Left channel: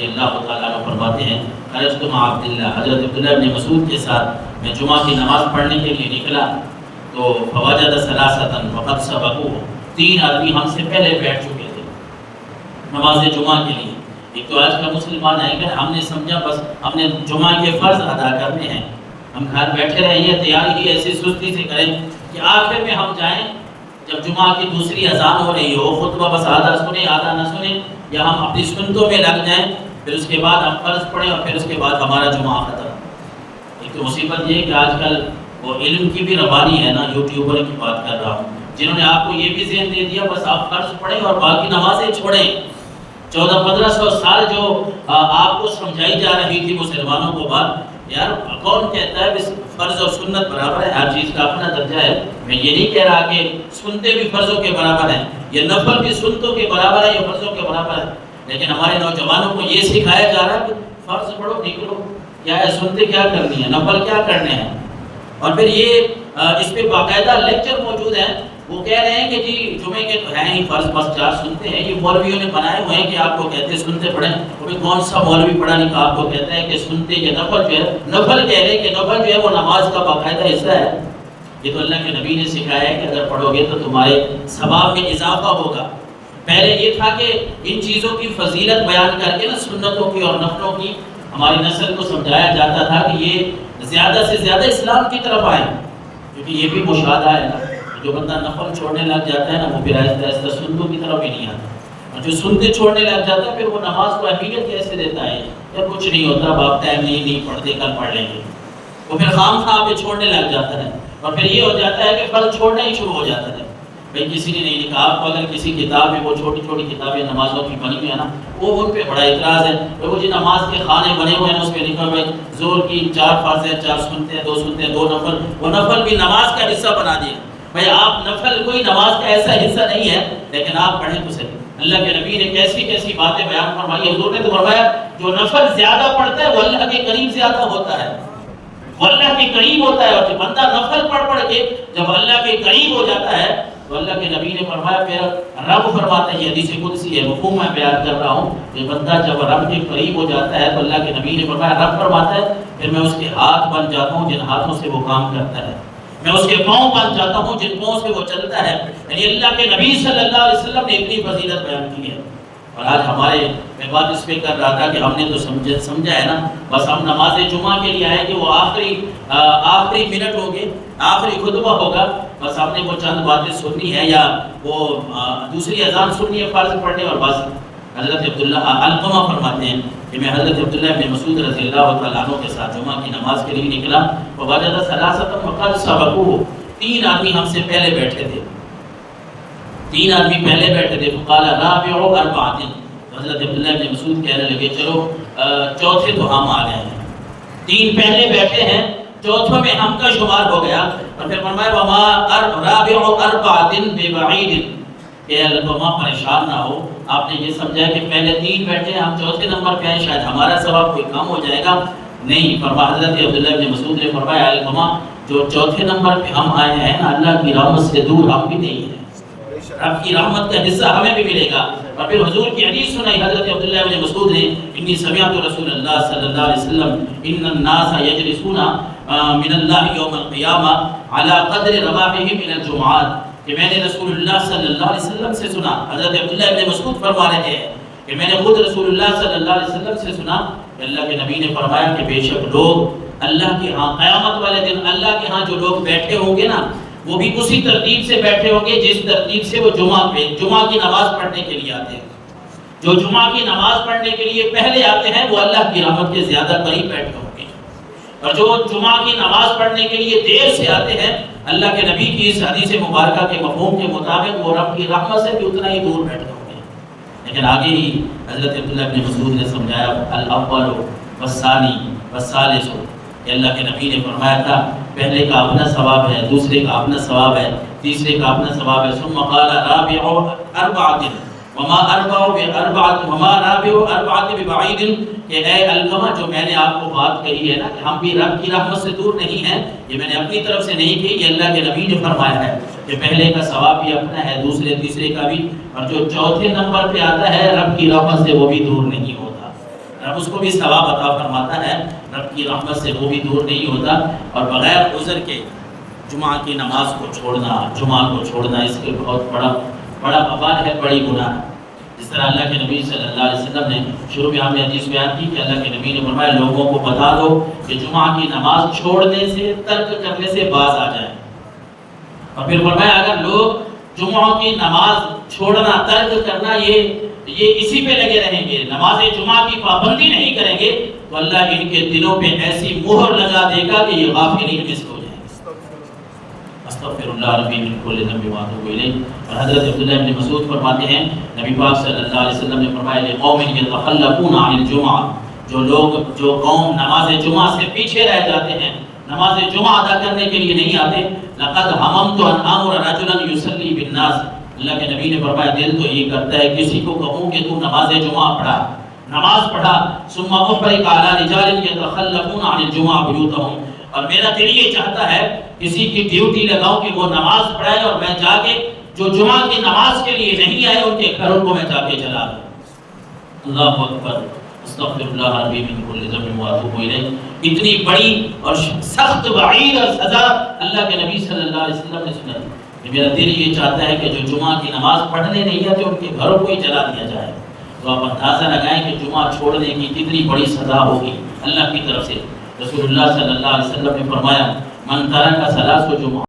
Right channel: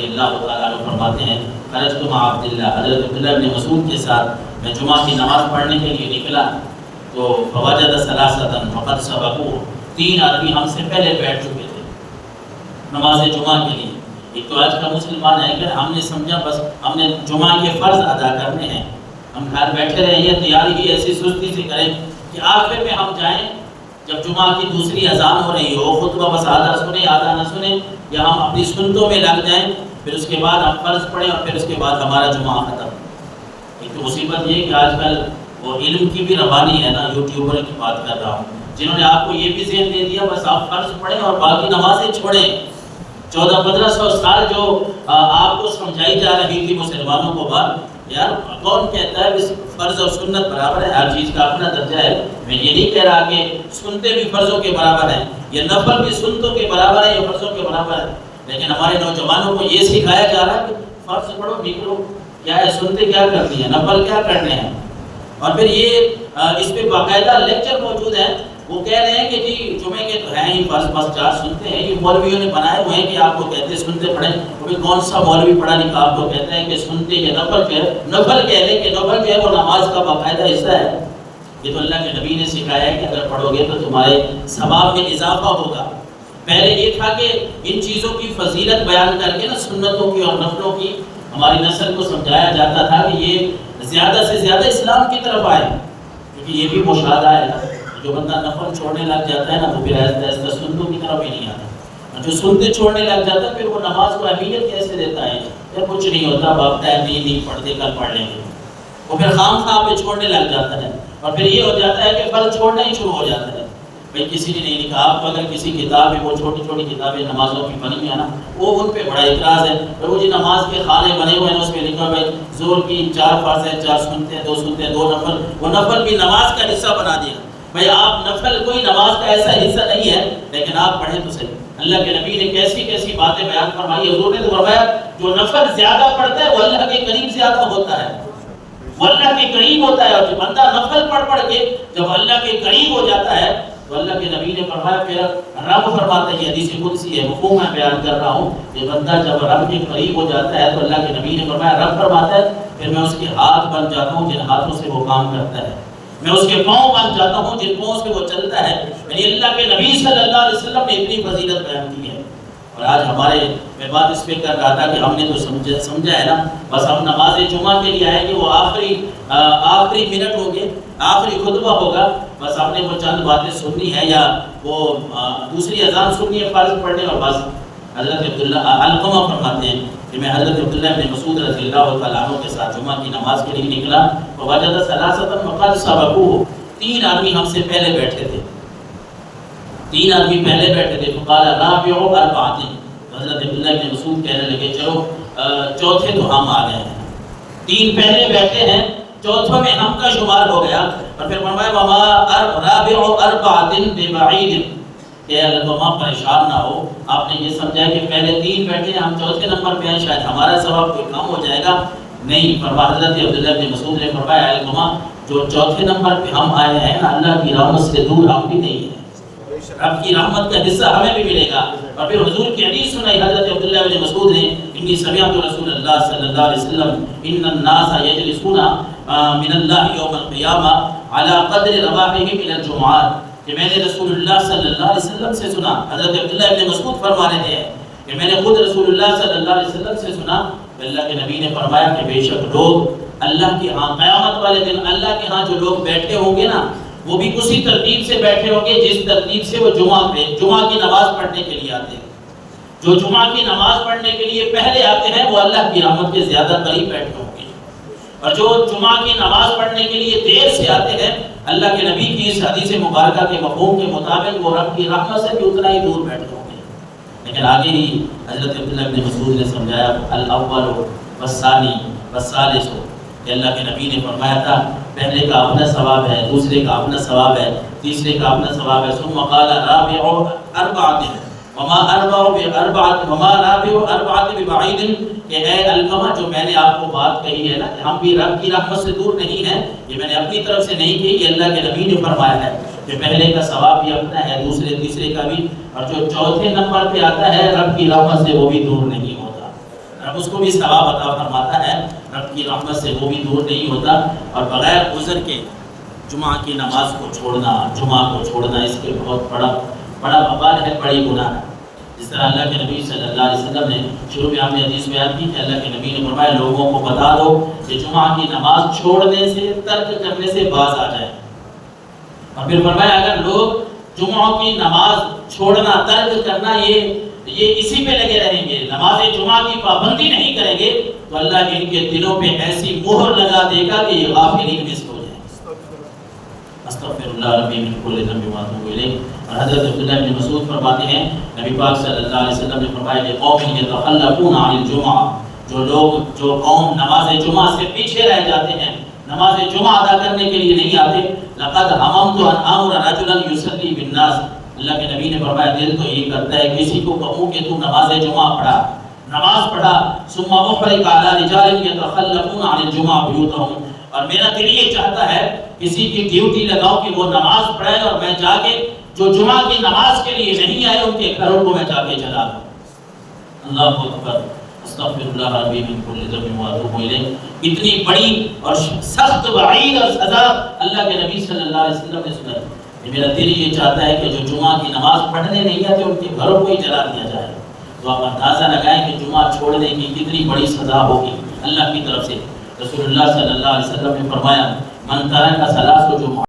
رضی اللہ تعالیٰ عنہ فرماتے ہیں خرجت مع عبداللہ، حضرت عبداللہ ابن مسعود کے ساتھ میں جمعہ کی نماز پڑھنے کے لیے نکلا تو فوجد ثلاثة وقد سبقوه، 3 آدمی ہم سے پہلے بیٹھ چکے تھے نماز جمعہ کے لیے۔ ایک تو آج کا مسلمان ہے کہ ہم نے سمجھا بس ہم نے جمعہ کے فرض ادا کرنے ہیں، ہم گھر بیٹھے رہیں یا تیاری ہی ایسی سستی سے کریں کہ آخر میں ہم جائیں جب جمعہ کی دوسری اذان ہو رہی ہو، خطبہ بس آدھا سنیں آدھا نہ سنیں، یا ہم اپنی سنتوں میں لگ جائیں، پھر اس کے بعد ہم فرض پڑھیں اور پھر اس کے بعد ہمارا جمعہ ختم۔ ایک تو مصیبت یہ ہے کہ آج کل وہ علم کی بھی ربانی ہے نا، یوٹیوبر کی بات کر رہا ہوں، جنہوں نے آپ کو یہ بھی ذہن دے دیا بس آپ فرض پڑھیں اور باقی نمازیں چھوڑیں۔ 1400-1500 سال جو آپ کو سمجھائی جا رہی تھی مسلمانوں کو بات، یار کون کہتا ہے بس فرض اور سنت برابر ہے، ہر چیز کا اپنا درجہ ہے۔ میں یہ نہیں کہہ رہا کہ سنتے بھی فرضوں کے برابر ہیں، یہ نفل بھی سنتوں کے برابر ہے، یہ فرضوں کے برابر ہے، لیکن ہمارے نوجوانوں کو یہ سکھایا جا رہا ہے کہ فرض پڑھو نکلو، کیا ہے سنتے کیا کرنی ہے، نفل کیا کرنے ہیں۔ اور پھر یہ اس پہ باقاعدہ لیکچر موجود ہیں، وہ کہہ رہے ہیں کہ جی جمعے کے تو ہیں ہی فرض، بس 4 سنتے ہیں، یہ مولویوں نے بنائے ہوئے ہیں کہ آپ کو کہتے ہیں سنتے پڑھیں، وہ کون سا مولوی پڑھا نہیں کہ آپ کو کہتا ہے کہ سنتے یا نفل جو ہے، نفل کہہ رہے کہ نفل جو ہے وہ نماز کا باقاعدہ حصہ ہے۔ یہ تو اللہ کے نبی نے سکھایا ہے کہ اگر پڑھو گے تو تمہارے ثواب میں اضافہ ہوگا۔ پہلے یہ تھا کہ ان چیزوں کی فضیلت بیان کر کے نا سنتوں کی اور نفلوں کی ہماری نسل کو سمجھایا جاتا تھا کہ یہ زیادہ سے زیادہ اسلام کی طرف آئے، کیونکہ یہ بھی مشاہدہ ہے نا، جو بندہ نفل چھوڑنے لگ جاتا ہے نا وہ پھر آہستہ آہستہ سنتوں کی طرف ہی نہیں آتا، اور جو سنتے چھوڑنے لگ جاتا ہے پھر وہ نماز کو اہمیت کیسے دیتا ہے، یا کچھ نہیں ہوتا، باپ ٹائم نہیں پڑھتے کل پڑھ لیں گے، وہ پھر خام خواہ پہ چھوڑنے لگ جاتا ہے، اور پھر یہ ہو جاتا ہے کہ فرض چھوڑنا ہی شروع ہو جاتا ہے۔ بھئی کسی نے نہیں لکھا، آپ کو اگر کسی کتاب میں وہ چھوٹی چھوٹی کتابیں نمازوں کی بنی ہوئی ہے نا، وہ ان پہ بڑا اعتراض ہے، وہ جی نماز کے خانے بنے ہوئے ہیں، اس پہ لکھا ہے زور کی 4 فرض ہیں، 4 سنتے ہیں، 2 سنتے ہیں، 2 نفل، وہ نفل بھی نماز کا حصہ بنا دیا۔ بھئی آپ نفل کوئی نماز کا ایسا حصہ نہیں ہے، لیکن آپ پڑھیں تو صحیح۔ اللہ کے نبی نے کیسی کیسی باتیں بیان فرمائی، حضور نے تو فرمایا جو نفل زیادہ پڑھتا ہے وہ اللہ کے قریب زیادہ ہوتا ہے، وہ اللہ کے قریب ہوتا ہے، اور جو بندہ نفل پڑھ کے جب اللہ کے قریب ہو جاتا ہے تو اللہ کے نبی نے فرمایا، پھر رب فرماتا ہے، یہ حدیث قدسی ہے، مفہوم میں بیان کر رہا ہوں، یہ بندہ جب رب کے قریب ہو جاتا ہے تو اللہ کے نبی نے فرمایا، رب فرماتا ہے پھر میں اس کے ہاتھ بن جاتا ہوں جن ہاتھوں سے وہ کام کرتا ہے، میں اس کے پاؤں بن جاتا ہوں جن پاؤں سے وہ چلتا ہے۔ یعنی اللہ کے نبی صلی اللہ علیہ وسلم نے اتنی فضیلت بیان کی ہے، اور آج ہمارے میں بات اس پہ کر رہا تھا کہ ہم نے تو سمجھا ہے نا، بس ہم نماز جمعہ کے لیے آئے کہ وہ آخری منٹ ہوگے، آخری خطبہ ہوگا، بس ہم نے وہ چند باتیں سننی ہے یا وہ دوسری اذان سننی ہے فرض پڑھنے، اور بس۔ حضرت عبداللہ علقمہ فرماتے ہیں کہ میں حضرت عبداللہ ابن مسعود رضی اللہ تعالیٰ عنہ کے ساتھ جمعہ کی نماز کے لیے نکلا، فوجد ثلاثة وقد سبقوه، 3 آدمی ہم سے پہلے بیٹھے تھے، 3 آدمی پہلے بیٹھے تھے، فقال رابع 4، حضرت عبداللہ ابن مسعود کہنے لگے چلو چوتھے تو ہم آ گئے ہیں، 3 پہلے بیٹھے ہیں، چوتھوں میں ہم کا شمار ہو گیا، اور پھر فرمایا وما رابع 4 ببعید، کہ علقمہ پریشان نہ ہو، آپ نے یہ سمجھا کہ پہلے 3 بیٹھے ہم چوتھے نمبر پہ ہیں، شاید ہمارا ثواب کوئی کم ہو جائے گا، نہیں، فرمایا حضرت عبداللہ ابن مسعود نے فرمایا علقمہ جو چوتھے نمبر پہ ہم آئے ہیں اللہ کی رحمت سے دور ہم بھی نہیں ہیں، رب کی رحمت کا حصہ ہمیں بھی ملے گا۔ اور پھر حضور کی حدیث سنائی حضرت عبداللہ ابن مسعود نے، انی سمعت رسول اللہ صلی اللہ علیہ وسلم ان الناس یجلسون من اللہ یوم القیامہ علی قدر رواحہم الی الجمعات، کہ میں نے رسول اللہ صلی اللہ علیہ وسلم سے سنا، حضرت عبداللہ ابن مسعود فرما رہے ہیں کہ میں نے خود رسول اللہ صلی اللہ علیہ وسلم سے سنا کہ اللہ کے نبی نے فرمایا کہ بے شک لوگ اللہ کے ہاں قیامت والے دن اللہ کے ہاں جو لوگ بیٹھے ہوں گے نا، وہ بھی اسی ترتیب سے بیٹھے ہوں گے جس ترتیب سے وہ جمعہ کی نماز پڑھنے کے لیے آتے ہیں۔ جو جمعہ کی نماز پڑھنے کے لیے پہلے آتے ہیں وہ اللہ کی رحمت کے زیادہ قریب بیٹھے ہوں گے، اور جو جمعہ کی نماز پڑھنے کے لیے دیر سے آتے ہیں اللہ کے نبی کی اس حدیث مبارکہ کے مفہوم کے مطابق وہ رب کی رحمت سے بھی اتنا ہی دور بیٹھے ہوں گے۔ لیکن آگے ہی حضرت عبداللہ ابن مسعود نے سمجھایا الاول والثانی والثالث، کہ اللہ کے نبی نے فرمایا تھا پہلے کا اپنا ثواب ہے، دوسرے کا اپنا ثواب ہے، تیسرے کا اپنا ثواب ہے، ثم قال رابع 4 وما رابع 4 ببعید، کہ اے علقمہ جو میں نے آپ کو بات کہی ہے نا کہ ہم بھی رب کی رحمت سے دور نہیں ہیں، یہ میں نے اپنی طرف سے نہیں کہی، یہ اللہ کے نبی نے فرمایا ہے کہ پہلے کا ثواب بھی اپنا ہے، دوسرے تیسرے کا بھی، اور جو چوتھے نمبر پہ آتا ہے رب کی رحمت سے وہ بھی دور نہیں ہوتا۔ رب اس کو بھی ثواب عطا فرماتا ہے، رب کی رحمت سے وہ بھی دور نہیں ہوتا۔ اور بغیر عذر کے جمعہ کی نماز کو چھوڑنا، جمعہ کو چھوڑنا، اس کے بہت بڑا وبال ہے، بڑی گناہ ہے۔ جس طرح اللہ کے نبی صلی اللہ علیہ وسلم نے شروع میں ہم نے حدیث بیان کی کہ اللہ کے نبی نے فرمایا لوگوں کو بتا دو کہ جمعہ کی نماز چھوڑنے سے، ترک کرنے سے باز آ جائیں۔ اور پھر فرمایا اگر لوگ جمعہ کی نماز چھوڑنا، ترک کرنا یہ اسی پہ لگے رہیں گے، نماز جمعہ کی پابندی نہیں کریں گے، تو اللہ ان کے دلوں پہ ایسی مہر لگا دے گا کہ یہ غافلین میں سے ہو جائیں گے۔ استغفر اللہ ربی من کل ذنب واتوب الیہ۔ اور حضرت عبداللہ بن مسعود فرماتے ہیں نبی پاک صلی اللہ علیہ وسلم نے فرمایا کہ قوم یتخلفون عن الجمعہ، جو قوم نماز جمعہ سے پیچھے رہ جاتے ہیں، نماز جمعہ ادا کرنے کے لیے نہیں آتے، لقد حممت ان امر رجلا یصلی بالناس، اللہ کے نبی نے فرمایا دل تو یہ کرتا ہے کسی کو کہوں کہ تو نماز جمعہ پڑھا، نماز پڑھا، ثم احرق علی رجال یتخلفون عن الجمعہ بیوتهم، اور میرا دل یہ چاہتا ہے کسی کی ڈیوٹی لگاؤں کہ وہ نماز پڑھے اور میں جا کے جو جمعہ کی نماز کے لیے نہیں آئے ان کے گھروں کو میں جا کے جلا دوں۔ اللہ اکبر، استغفر اللہ ربی من کل ذنب واتوب الیہ۔ اتنی بڑی اور سخت وعید اور سزا اللہ کے نبی صلی اللہ علیہ وسلم نے سنائی کہ میرا دل یہ چاہتا ہے کہ جو جمعہ کی نماز پڑھنے نہیں آتے ان کے گھروں کو ہی جلا دیا جائے۔ تو آپ اندازہ لگائیں کہ جمعہ چھوڑنے کی کتنی بڑی سزا ہوگی اللہ کی طرف سے۔ رسول اللہ صلی اللہ علیہ وسلم نے فرمایا من ترک ثلاث جمعہ